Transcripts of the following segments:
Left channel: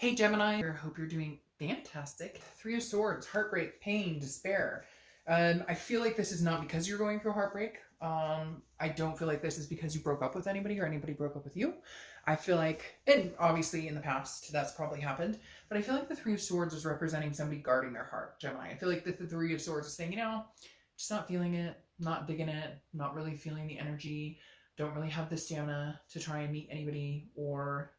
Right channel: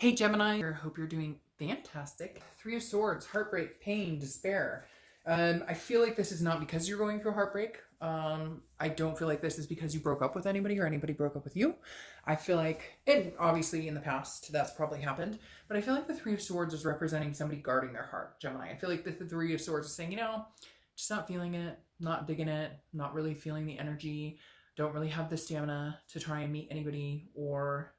Hey Gemini, I hope you're doing fantastic. Three of Swords, heartbreak, pain, despair. I feel like this is not because you're going through heartbreak. I don't feel like this is because you broke up with anybody or anybody broke up with you. I feel like, and obviously in the past that's probably happened, but I feel like the Three of Swords is representing somebody guarding their heart, Gemini. I feel like the Three of Swords is saying, just not feeling it, not digging it, not really feeling the energy, don't really have the stamina to try and meet anybody, or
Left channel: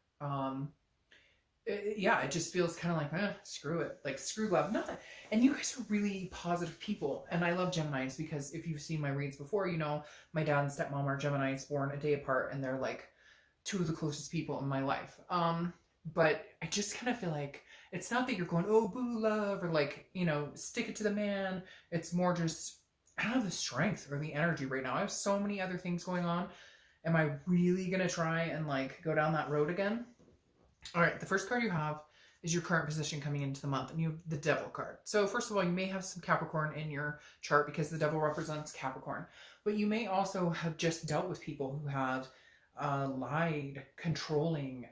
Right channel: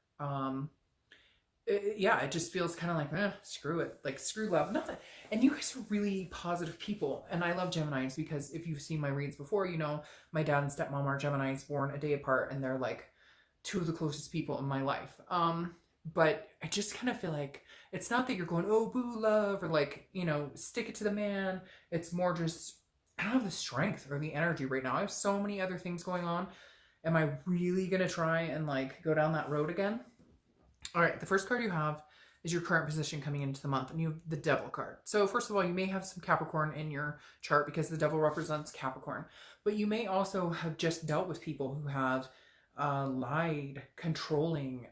it just feels kind of like, screw it, like screw love. Not, and you guys are really positive people, and I love Geminis because if you've seen my reads before, you know my dad and stepmom are Geminis, born a day apart, and they're like two of the closest people in my life. But I just kind of feel like it's not that you're going, oh boo love, or like, stick it to the man. It's more just, I don't have the strength or the energy right now. I have so many other things going on. Am I really gonna try and like go down that road again? All right, the first card you have is your current position coming into the month, and you have the Devil card. So first of all, you may have some Capricorn in your chart because the Devil represents Capricorn, but you may also have just dealt with people who have lied, controlling,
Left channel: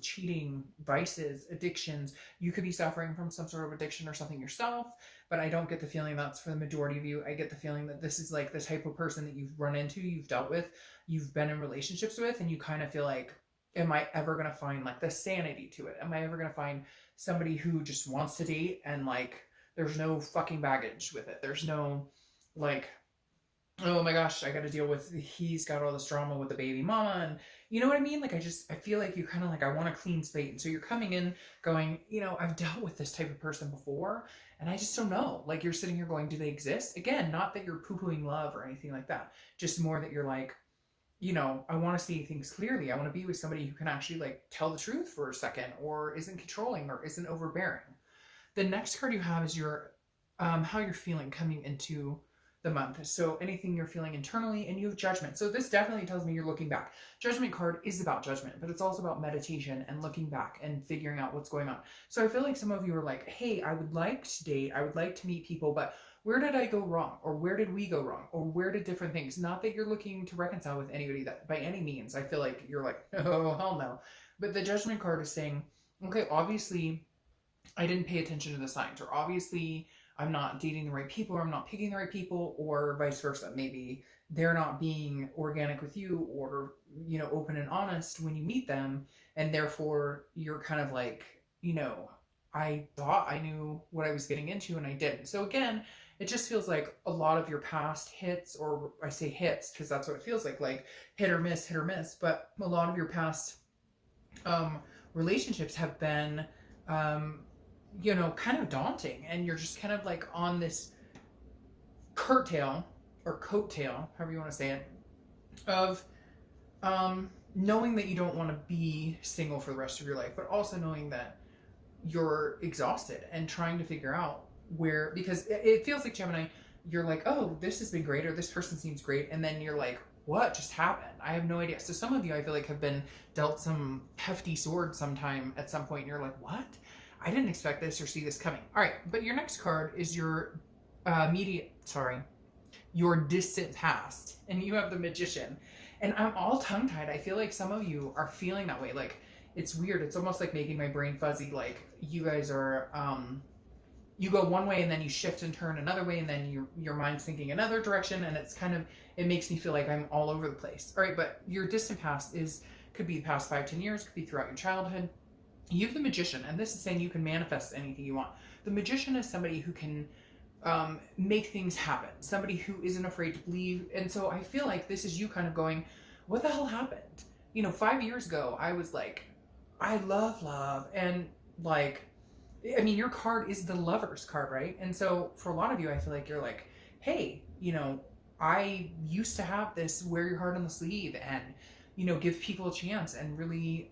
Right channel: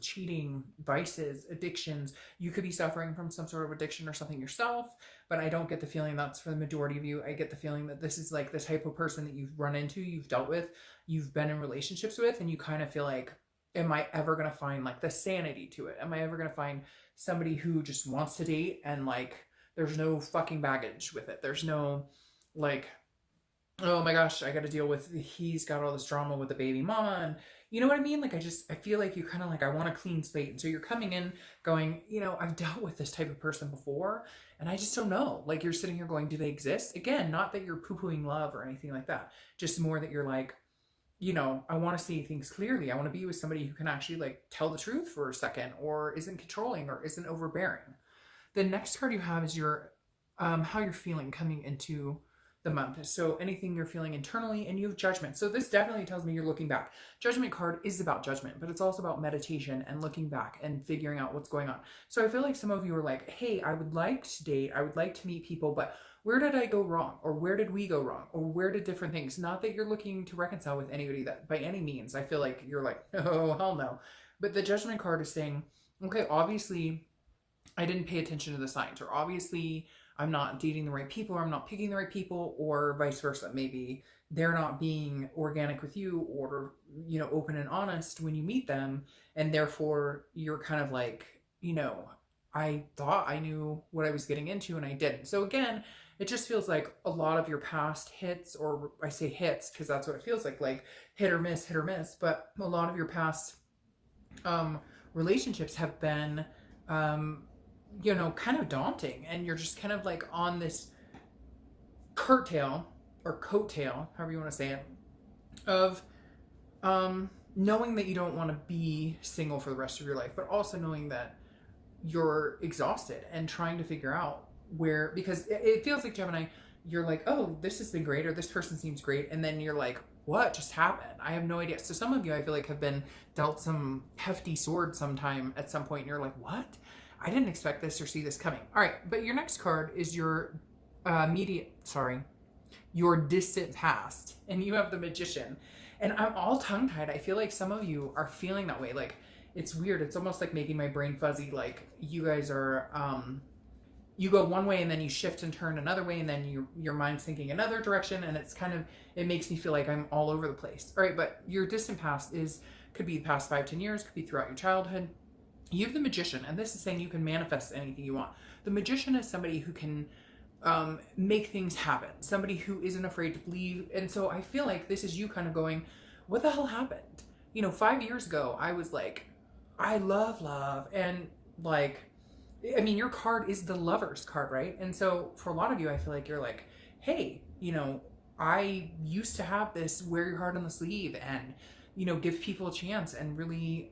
cheating, vices, addictions. You could be suffering from some sort of addiction or something yourself, but I don't get the feeling that's for the majority of you. I get the feeling that this is like the type of person that you've run into, you've dealt with, you've been in relationships with, and you kind of feel like, am I ever going to find like the sanity to it? Am I ever going to find somebody who just wants to date and like there's no fucking baggage with it? There's no like, oh my gosh, I got to deal with, he's got all this drama with the baby mama, and you know what I mean? Like I feel like you kind of like, I want a clean slate. And so you're coming in going, I've dealt with this type of person before and I just don't know. Like you're sitting here going, do they exist? Again, not that you're poo-pooing love or anything like that. Just more that you're like, I want to see things clearly. I want to be with somebody who can actually like tell the truth for a second, or isn't controlling, or isn't overbearing. The next card you have is your how you're feeling coming into the month. So anything you're feeling internally, and you have Judgment. So this definitely tells me you're looking back. Judgment card is about judgment, but it's also about meditation and looking back and figuring out what's going on. So I feel like some of you are like, hey, I would like to date, I would like to meet people, but where did I go wrong? Or where did we go wrong? Or where did different things? Not that you're looking to reconcile with anybody that by any means. I feel like you're like, oh, hell no. But the Judgment card is saying, okay, obviously I didn't pay attention to the signs, or obviously I'm not dating the right people, or I'm not picking the right people, or vice versa. Maybe they're not being organic with you, or, open and honest when you meet them. And therefore you're kind of like, I thought I knew what I was getting into and I didn't. So again, it just feels like a lot of your past hits, or I say hits because that's what it feels like hit or miss, but a lot of your past relationships have been, kind of daunting, and you're just kind of like on this curtail or coattail, however you want to say it, of knowing that you don't want to be single for the rest of your life, but also knowing that you're exhausted and trying to figure out where, because it feels like, Gemini, you're like, oh, this has been great, or this person seems great, and then you're like, what just happened? I have no idea. So some of you, I feel like, have been dealt some hefty sword sometime at some point, and you're like, what? I didn't expect this or see this coming. All right, but your next card is your your distant past, and you have the Magician. And I'm all tongue-tied. I feel like some of you are feeling that way. Like, it's weird. It's almost like making my brain fuzzy. Like, you guys are you go one way and then you shift and turn another way, and then your mind's thinking another direction, and it's kind of, it makes me feel like I'm all over the place. All right, but your distant past could be the past 5-10 years, could be throughout your childhood. You have the Magician, and this is saying you can manifest anything you want. The Magician is somebody who can make things happen, somebody who isn't afraid to believe. And so I feel like this is you kind of going, what the hell happened? 5 years ago, I was like, I love love, and like, I mean, your card is the Lover's card, right? And so for a lot of you, I feel like you're like, hey, I used to have this wear your heart on the sleeve and, give people a chance and really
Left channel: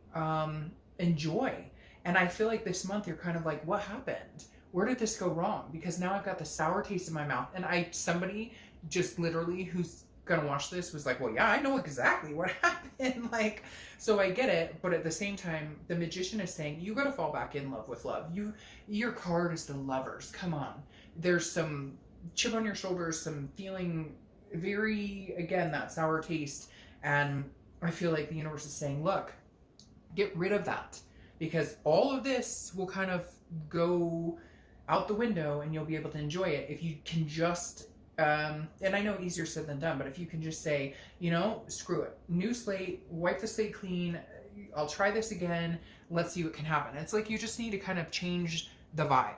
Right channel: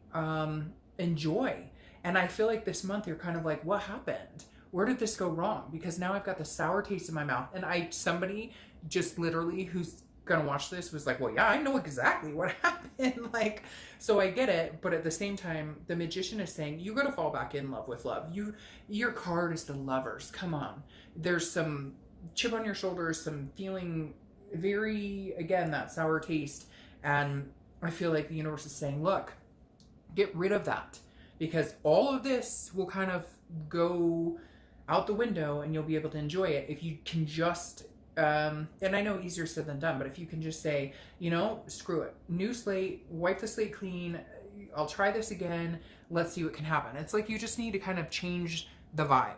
enjoy. And I feel like this month you're kind of like, what happened? Where did this go wrong? Because now I've got the sour taste in my mouth. And somebody just literally who's gonna watch this was like, well, yeah, I know exactly what happened. Like, so I get it, but at the same time, the Magician is saying you gotta fall back in love with love. Your card is the Lovers. Come on. There's some chip on your shoulders, some feeling very, again, that sour taste. And I feel like the universe is saying, look, get rid of that. because all of this will kind of go out the window and you'll be able to enjoy it if you can just and I know easier said than done, but if you can just say, you know, screw it, new slate, wipe the slate clean, I'll try this again, let's see what can happen. It's like you just need to kind of change the vibe.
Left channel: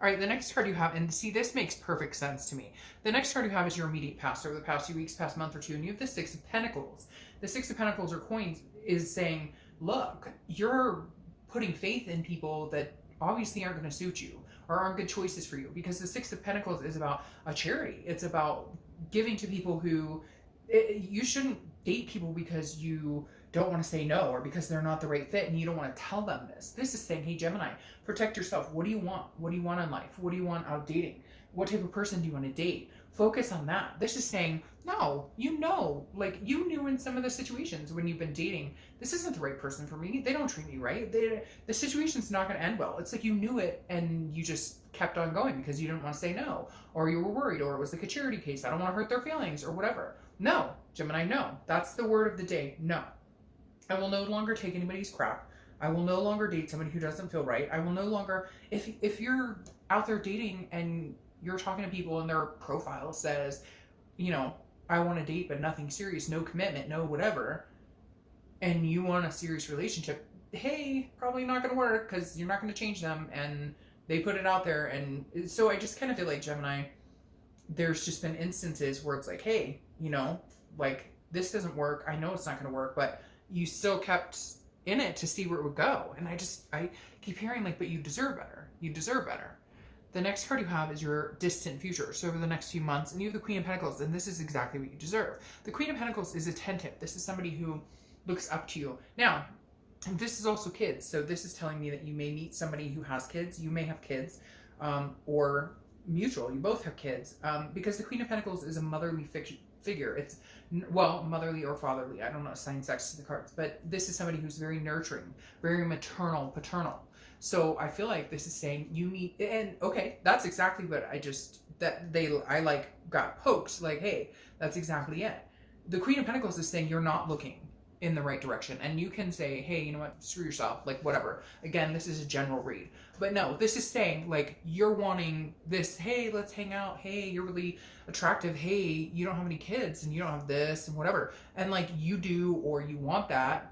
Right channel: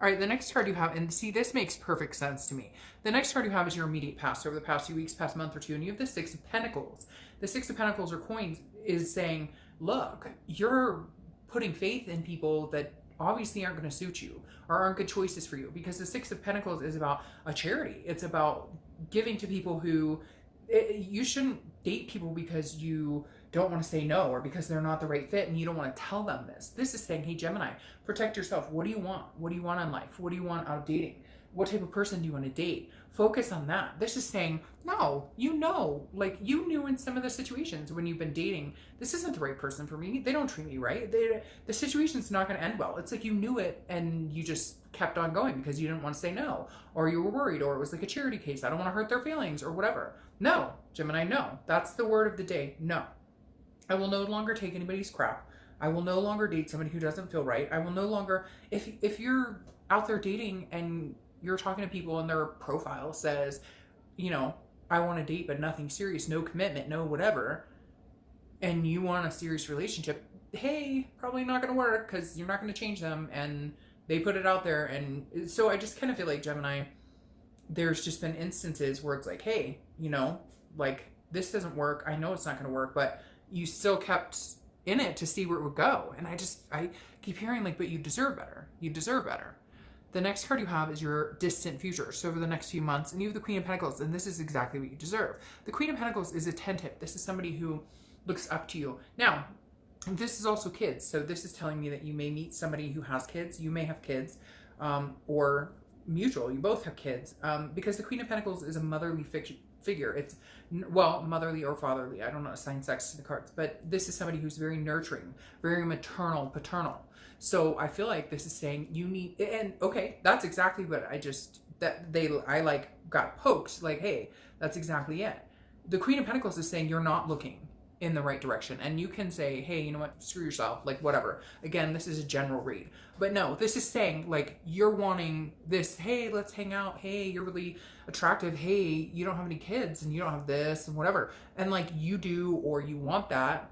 All right, the next card you have, and see, this makes perfect sense to me. The next card you have is your immediate past, over the past few weeks, past month or two, and you have the Six of Pentacles. The Six of Pentacles or coins is saying, look, you're putting faith in people that obviously aren't going to suit you or aren't good choices for you, because the Six of Pentacles is about a charity. It's about giving to people who, you shouldn't date people because you don't want to say no or because they're not the right fit and you don't want to tell them this. This is saying, hey, Gemini, protect yourself. What do you want? What do you want in life? What do you want out of dating? What type of person do you want to date? Focus on that. This is saying, no, you know, like you knew in some of the situations when you've been dating, this isn't the right person for me. They don't treat me right. The situation's not going to end well. It's like you knew it and you just kept on going because you didn't want to say no, or you were worried, or it was like a charity case. I don't want to hurt their feelings or whatever. No, Gemini, no. That's the word of the day. No. I will no longer take anybody's crap. I will no longer date somebody who doesn't feel right. I will no longer, if you're out there dating and you're talking to people and their profile says, you know, I want to date but nothing serious, no commitment, no whatever, and you want a serious relationship, hey, probably not going to work because you're not going to change them, and they put it out there. And so I just kind of feel like, Gemini, there's just been instances where it's like, hey, you know, like this doesn't work. I know it's not going to work, but you still kept in it to see where it would go. And I keep hearing like, but you deserve better. You deserve better. The next card you have is your distant future. So over the next few months, and you have the Queen of Pentacles, and this is exactly what you deserve. The Queen of Pentacles is attentive. This is somebody who looks up to you. Now, this is also kids. So this is telling me that you may meet somebody who has kids. You may have kids, or mutual. You both have kids, because the Queen of Pentacles is a motherly figure. It's, well, motherly or fatherly. I don't know, assign sex to the cards, but this is somebody who's very nurturing, very maternal, paternal. So I feel like this is saying you need, and okay, that's exactly what I like got poked, like, hey, that's exactly it. The Queen of Pentacles is saying you're not looking in the right direction, and you can say, hey, you know what, screw yourself, like whatever. Again, this is a general read, but no, this is saying like you're wanting this, hey, let's hang out, hey, you're really attractive, hey, you don't have any kids and you don't have this and whatever, and like you do, or you want that.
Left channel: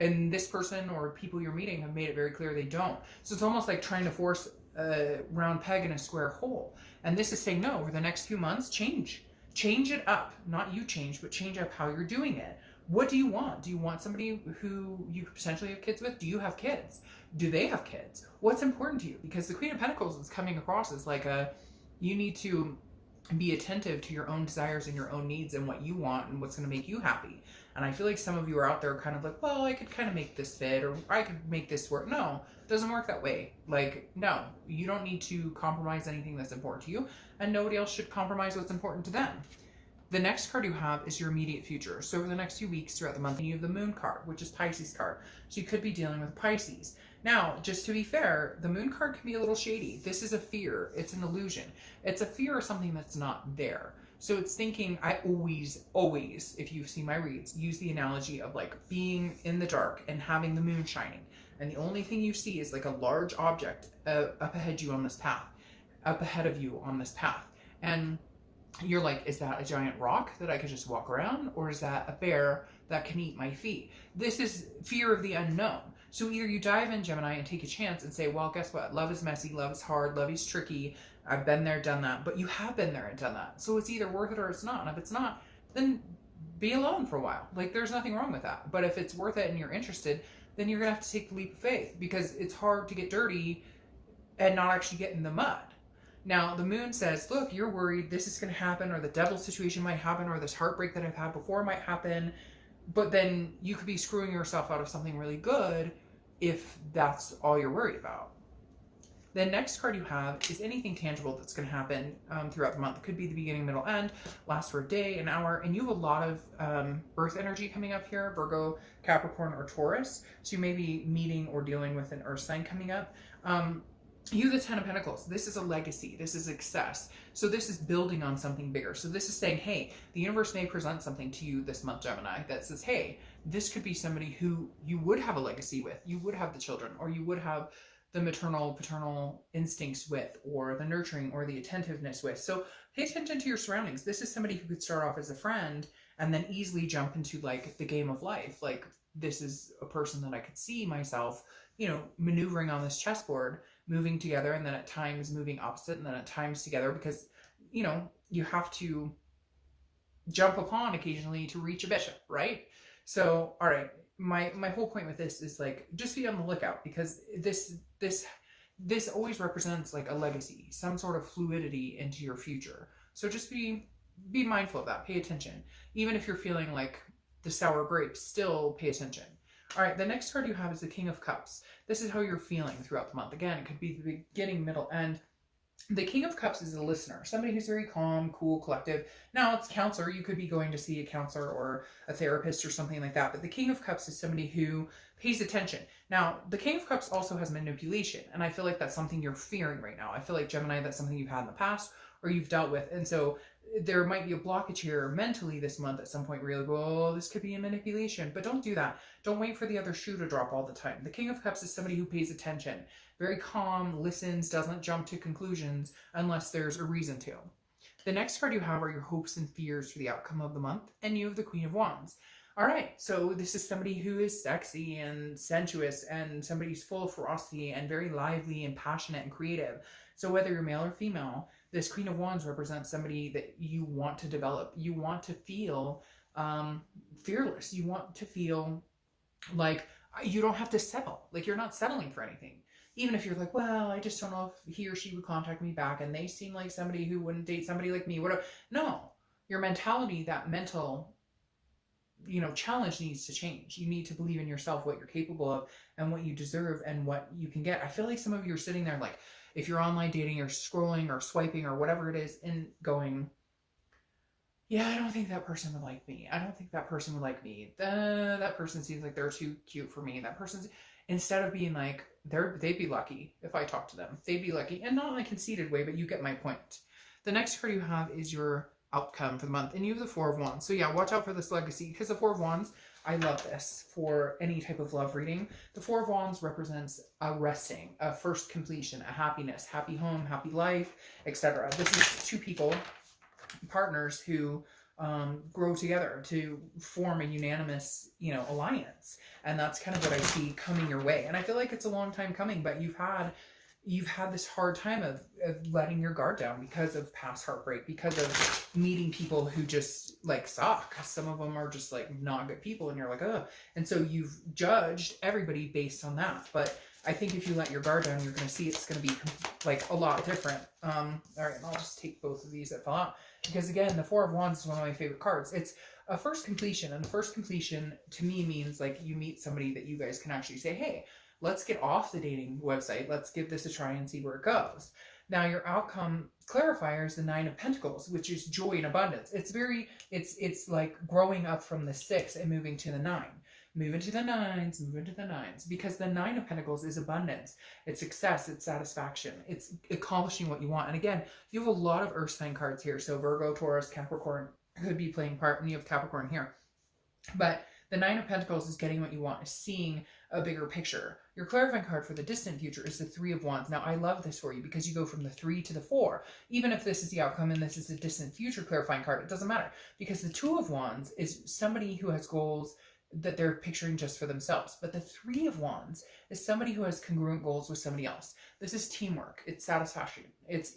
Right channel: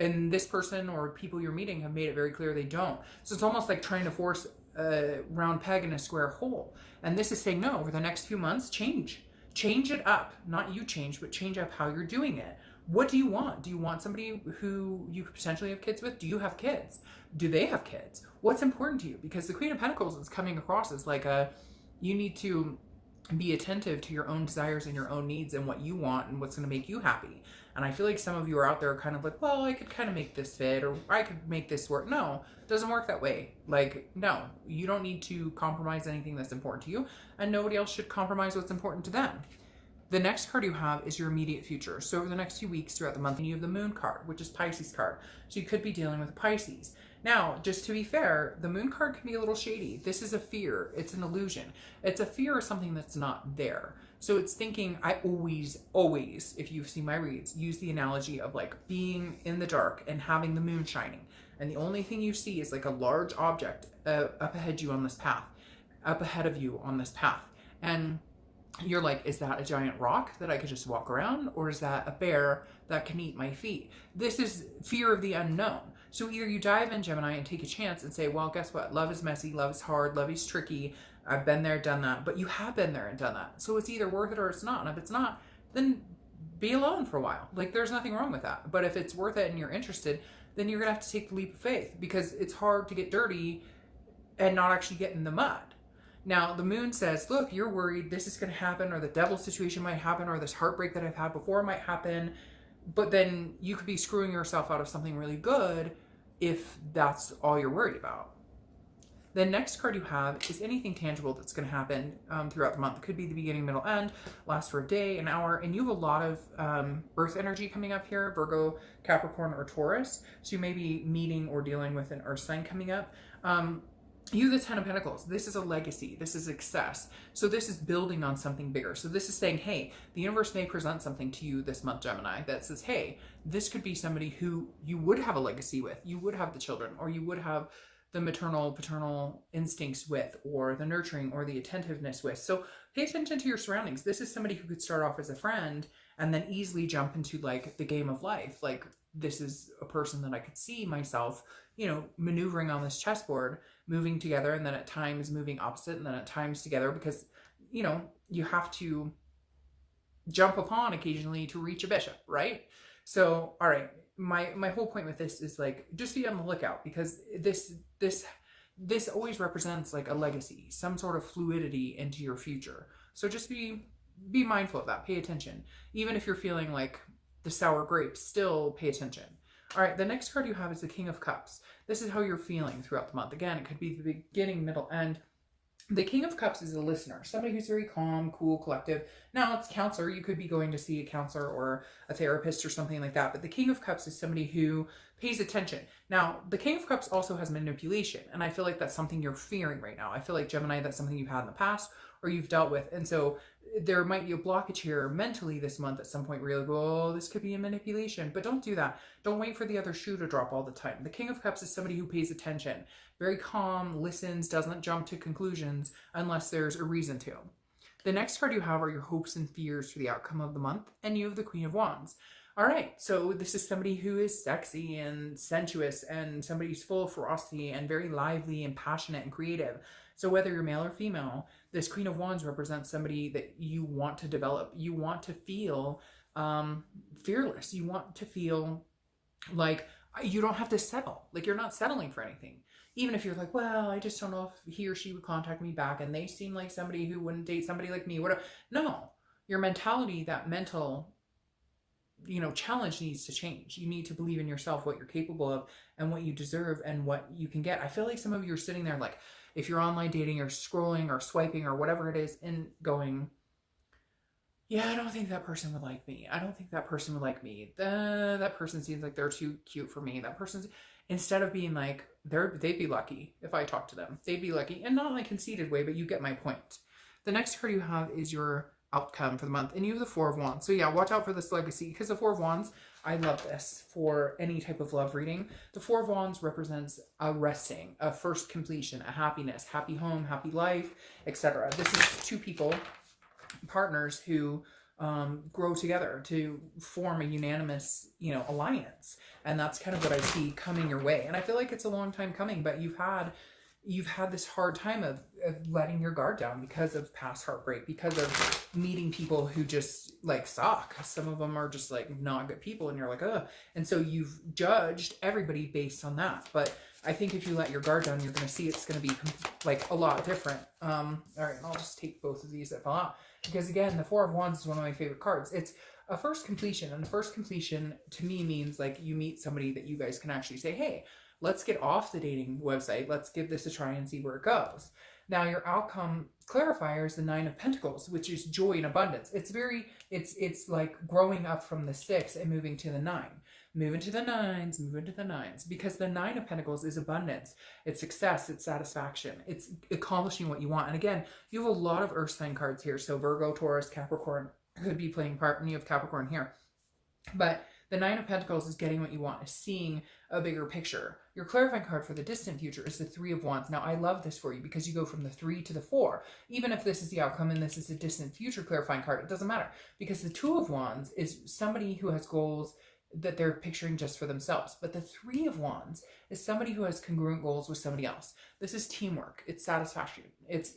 And this person or people you're meeting have made it very clear they don't. So it's almost like trying to force a round peg in a square hole. And this is saying, no, over the next few months, change it up. Not you change, but change up how you're doing it. What do you want? Do you want somebody who you could potentially have kids with? Do you have kids? Do they have kids? What's important to you? Because the Queen of Pentacles is coming across as like you need to be attentive to your own desires and your own needs and what you want and what's going to make you happy. And I feel like some of you are out there kind of like, well, I could kind of make this fit, or I could make this work. No, it doesn't work that way. Like, no, you don't need to compromise anything that's important to you, and nobody else should compromise what's important to them. The next card you have is your immediate future. So over the next few weeks throughout the month, you have the Moon card, which is Pisces card. So you could be dealing with Pisces. Now, just to be fair, the Moon card can be a little shady. This is a fear. It's an illusion. It's a fear of something that's not there. So it's thinking, I always, if you've seen my reads, use the analogy of like being in the dark and having the moon shining. And the only thing you see is like a large object up ahead of you on this path. And you're like, is that a giant rock that I could just walk around? Or is that a bear that can eat my feet? This is fear of the unknown. So either you dive in, Gemini, and take a chance and say, well, guess what? Love is messy, love is hard, love is tricky. I've been there, done that. But you have been there and done that. So it's either worth it or it's not. And if it's not, then be alone for a while. Like, there's nothing wrong with that. But if it's worth it and you're interested, then you're going to have to take the leap of faith, because it's hard to get dirty and not actually get in the mud. Now, the moon says, look, you're worried this is going to happen, or the devil situation might happen, or this heartbreak that I've had before might happen. But then you could be screwing yourself out of something really good if that's all you're worried about. The next card you have is anything tangible that's going to happen throughout the month. It could be the beginning, middle, end, last for a day, an hour, and you have a lot of earth energy coming up here, Virgo, Capricorn, or Taurus. So you may be meeting or dealing with an earth sign coming up. You, the Ten of Pentacles, this is a legacy. This is success. So this is building on something bigger. So this is saying, hey, the universe may present something to you this month, Gemini, that says, hey, this could be somebody who you would have a legacy with. You would have the children, or you would have the maternal, paternal instincts with, or the nurturing or the attentiveness with. So pay attention to your surroundings. This is somebody who could start off as a friend and then easily jump into like the game of life. Like, this is a person that I could see myself, you know, maneuvering on this chessboard, moving together, and then at times moving opposite, and then at times together, because, you know, you have to jump upon occasionally to reach a bishop, right? So, all right, my whole point with this is like, just be on the lookout, because this always represents like a legacy, some sort of fluidity into your future. So just be mindful of that. Pay attention. Even if you're feeling like the sour grapes, still pay attention. All right, the next card you have is the King of Cups. This is how you're feeling throughout the month. Again, it could be the beginning, middle, end. The King of Cups is a listener, somebody who's very calm, cool, collective. Now, it's counselor. You could be going to see a counselor or a therapist or something like that. But the King of Cups is somebody who pays attention. Now, the King of Cups also has manipulation. And I feel like that's something you're fearing right now. I feel like, Gemini, that's something you've had in the past or you've dealt with. And so there might be a blockage here mentally this month at some point where you're like, oh, this could be a manipulation. But don't do that. Don't wait for the other shoe to drop all the time. The King of Cups is somebody who pays attention, very calm, listens, doesn't jump to conclusions unless there's a reason to. The next card you have are your hopes and fears for the outcome of the month, and you have the Queen of Wands. All right, so this is somebody who is sexy and sensuous, and somebody who's full of ferocity and very lively and passionate and creative. So whether you're male or female, this Queen of Wands represents somebody that you want to develop. You want to feel fearless. You want to feel like you don't have to settle. Like, you're not settling for anything. Even if you're like, well, I just don't know if he or she would contact me back, and they seem like somebody who wouldn't date somebody like me, whatever. No, your mentality, that mental, you know, challenge needs to change. You need to believe in yourself, what you're capable of and what you deserve and what you can get. I feel like some of you are sitting there like, if you're online dating or scrolling or swiping or whatever it is, and going, yeah, I don't think that person would like me. I don't think that person would like me. That person seems like they're too cute for me. That person's, instead of being like, they'd be lucky if I talk to them. They'd be lucky. And not in a conceited way, but you get my point. The next card you have is your outcome for the month, and you have the Four of Wands. So yeah, watch out for this legacy, because the Four of Wands, I love this for any type of love reading. The Four of Wands represents a resting, a first completion, a happiness, happy home, happy life, etc. This is two people, partners who grow together to form a unanimous, you know, alliance. And that's kind of what I see coming your way. And I feel like it's a long time coming, but you've had this hard time of letting your guard down because of past heartbreak, because of meeting people who just like suck. Some of them are just like not good people, and you're like, ugh. And so you've judged everybody based on that. But I think if you let your guard down, you're going to see it's going to be like a lot different. All right, I'll just take both of these that fell out, because again, the Four of Wands is one of my favorite cards. It's a first completion, and the first completion to me means like you meet somebody that you guys can actually say, hey, let's get off the dating website. Let's give this a try and see where it goes. Now, your outcome clarifier is the Nine of Pentacles, which is joy and abundance. It's like growing up from the 6 and moving to the 9. Move into the 9s, move into the 9s, because the Nine of Pentacles is abundance. It's success, it's satisfaction, it's accomplishing what you want. And again, you have a lot of earth sign cards here. So Virgo, Taurus, Capricorn could be playing part, and you have Capricorn here. But the Nine of Pentacles is getting what you want, is seeing a bigger picture. Your clarifying card for the distant future is the Three of Wands. Now, I love this for you because you go from the 3 to the 4. Even if this is the outcome and this is the distant future clarifying card, it doesn't matter, because the Two of Wands is somebody who has goals that they're picturing just for themselves. But the Three of Wands is somebody who has congruent goals with somebody else. This is teamwork. It's satisfaction. It's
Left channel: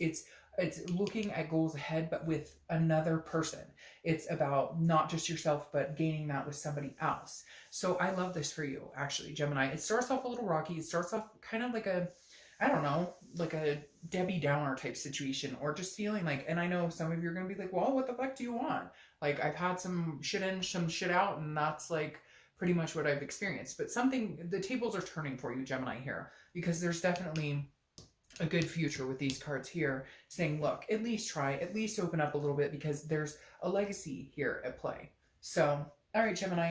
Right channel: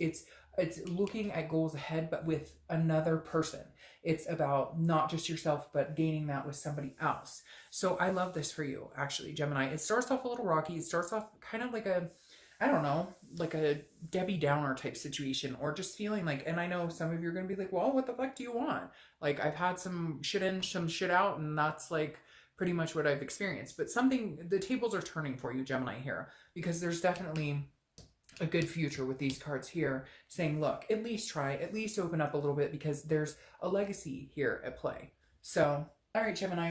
looking at goals ahead, but with another person. It's about not just yourself, but gaining that with somebody else. So I love this for you, actually, Gemini. It starts off a little rocky. It starts off kind of like a, I don't know, like a Debbie Downer type situation, or just feeling like, and I know some of you are going to be like, well, what the fuck do you want? Like, I've had some shit in, some shit out, and that's like pretty much what I've experienced. But the tables are turning for you, Gemini, here, because there's definitely a good future with these cards here, saying, look, at least try, at least open up a little bit, because there's a legacy here at play. So, all right, Gemini.